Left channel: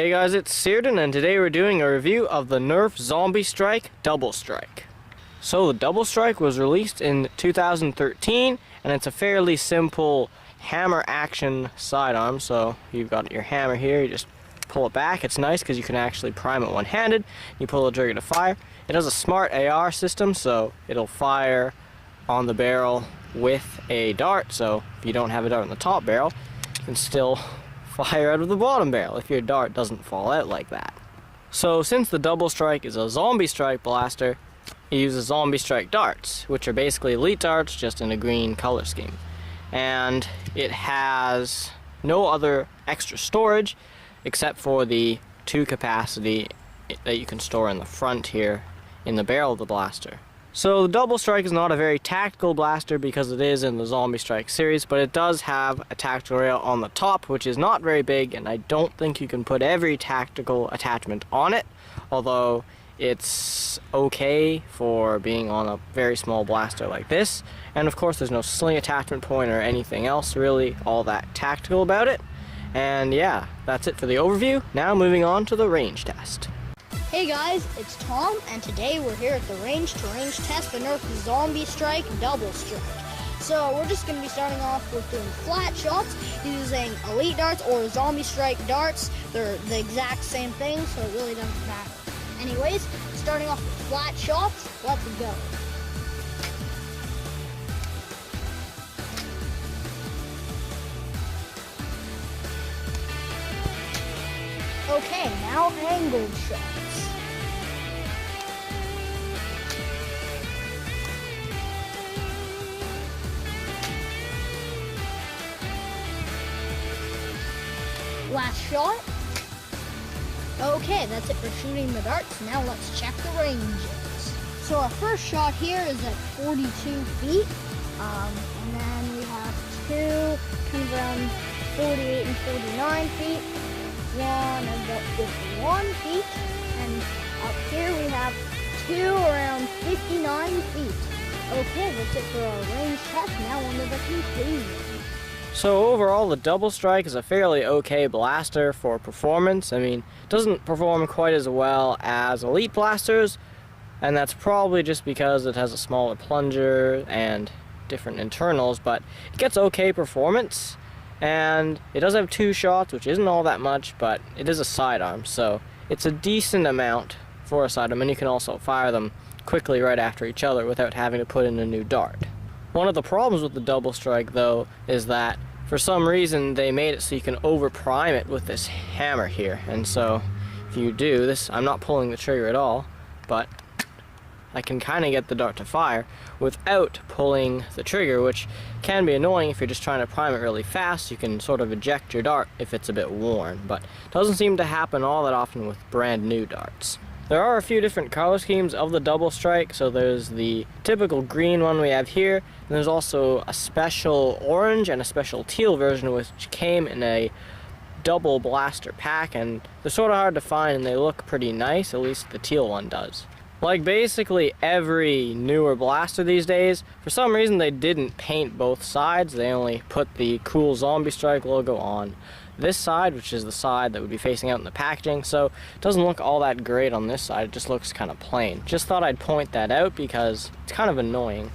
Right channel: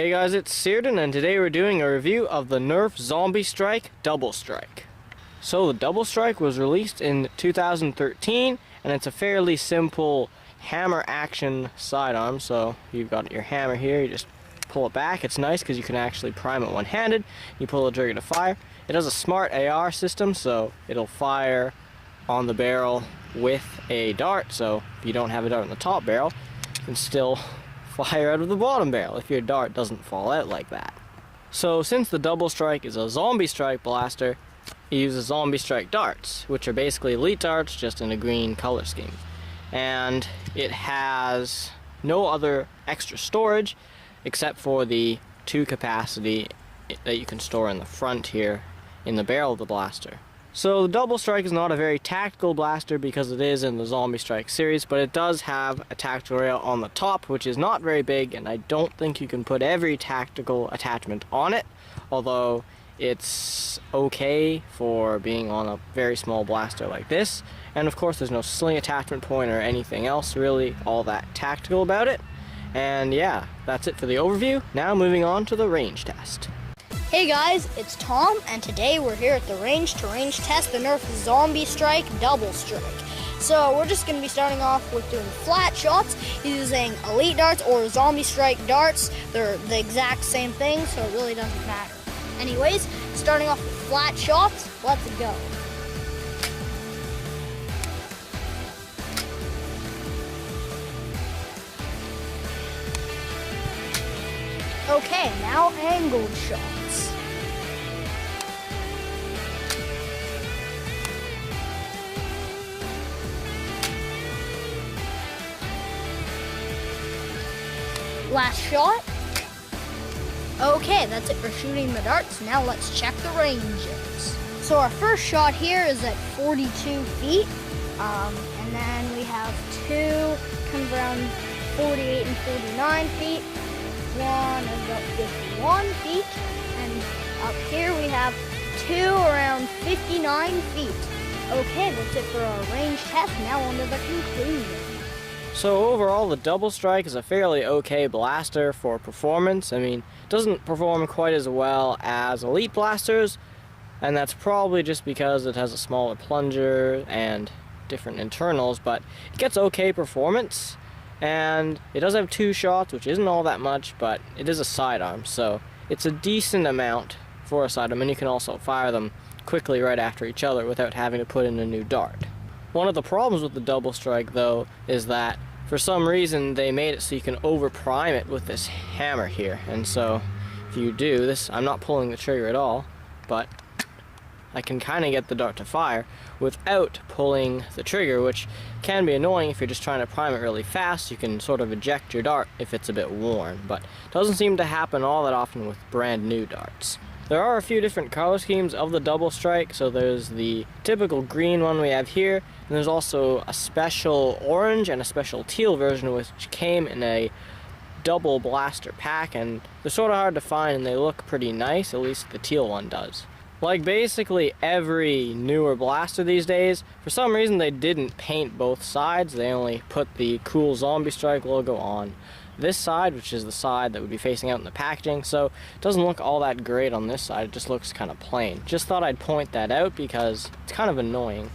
Hey guys, it's Searden, and today we're doing a review of the Nerf Doublestrike Doublestrike. So the Doublestrike was released in 2013, and it's a fairly simple hammer action sidearm. So you've got your hammer here, you just pull it back. It's nice because you can actually prime it one-handed. You pull the trigger to fire. It has a smart AR system, so it'll fire on the barrel with a dart. So if you don't have a dart on the top barrel, you can still fire out of the bottom barrel if your dart doesn't fall out like that. So since the Doublestrike is a zombie strike blaster, it uses zombie strike darts, which are basically elite darts just in a green color scheme. And it has no other extra storage except for the 2 capacity that you can store in the front here in the barrel of the blaster. So the Doublestrike is not a very tactical blaster because it is in the Zombie Strike series, but it does have a tactical rail on the top, which is not very big, and I don't think you can put every tactical attachment on it, although it's okay for being on a very small blaster like this. And of course there's no sling attachment point or anything else really all that tactical about it. And yeah, that's it for the overview. Now moving on to the range test. Hey guys, it's Tom, and today we're here at the range to range test the Nerf Zombie Strike Doublestrike. So we're just going to be starting off with doing flat shots using elite darts or zombie strike darts. They're the exact same thing, so it really doesn't matter. Anyways, starting off with flat shots, let's go. Okay, now angled shots. Last shot. Okay, that's it for shooting the darts. Now let's check the ranges. So our first shot here is at 42 feet. And then we have 2 kind of around 48 and 49 feet. One about 51 feet. And up here we have 2 around 59 feet. Okay, that's it for our range test. Now on to the conclusion. So overall, the Doublestrike is a fairly okay blaster for performance. I mean, it doesn't perform quite as well as elite blasters, and that's probably just because it has a smaller plunger and different internals, but it gets okay performance. And it does have 2 shots, which isn't all that much, but it is a sidearm, so it's a decent amount for a sidearm, and you can also fire them quickly right after each other without having to put in a new dart. One of the problems with the Doublestrike, though, is that for some reason they made it so you can over-prime it with this hammer here. And so if you do this, I'm not pulling the trigger at all, but I can kind of get the dart to fire without pulling the trigger, which can be annoying if you're just trying to prime it really fast. You can sort of eject your dart if it's a bit worn, but it doesn't seem to happen all that often with brand new darts. There are a few different color schemes of the Doublestrike. So there's the typical green one we have here, and there's also a special orange and a special teal version which came in a double blaster pack, and they're sort of hard to find and they look pretty nice, at least the teal one does. Like basically every newer blaster these days, for some reason they didn't paint both sides. They only put the cool Zombie Strike logo on this side, which is the side that would be facing out in the packaging, so it doesn't look all that great on this side. It just looks kind of plain. Just thought I'd point that out because it's kind of annoying.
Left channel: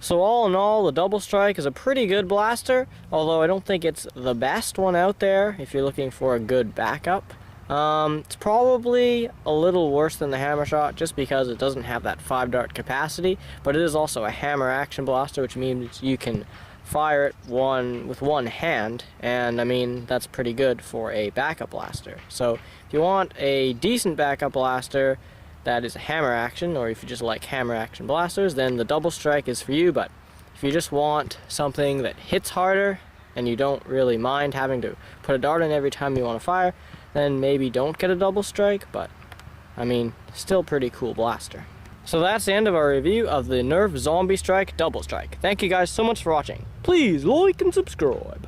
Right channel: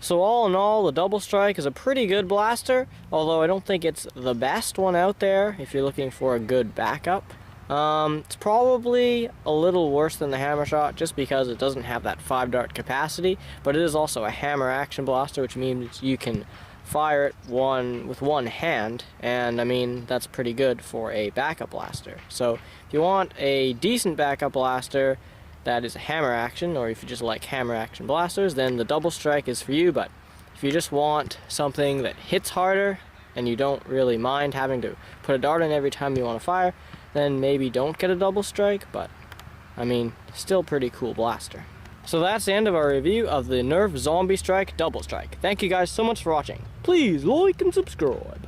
So all in all, the Doublestrike is a pretty good blaster, although I don't think it's the best one out there if you're looking for a good backup. It's probably a little worse than the hammer shot just because it doesn't have that 5 dart capacity, but it is also a hammer action blaster, which means you can fire it with one hand, and I mean that's pretty good for a backup blaster. So if you want a decent backup blaster that is a hammer action, or if you just like hammer action blasters, then the Doublestrike is for you. But if you just want something that hits harder and you don't really mind having to put a dart in every time you want to fire, then maybe don't get a Doublestrike, but I mean, still pretty cool blaster. So that's the end of our review of the Nerf Zombie Strike Doublestrike. Thank you guys so much for watching. Please like and subscribe.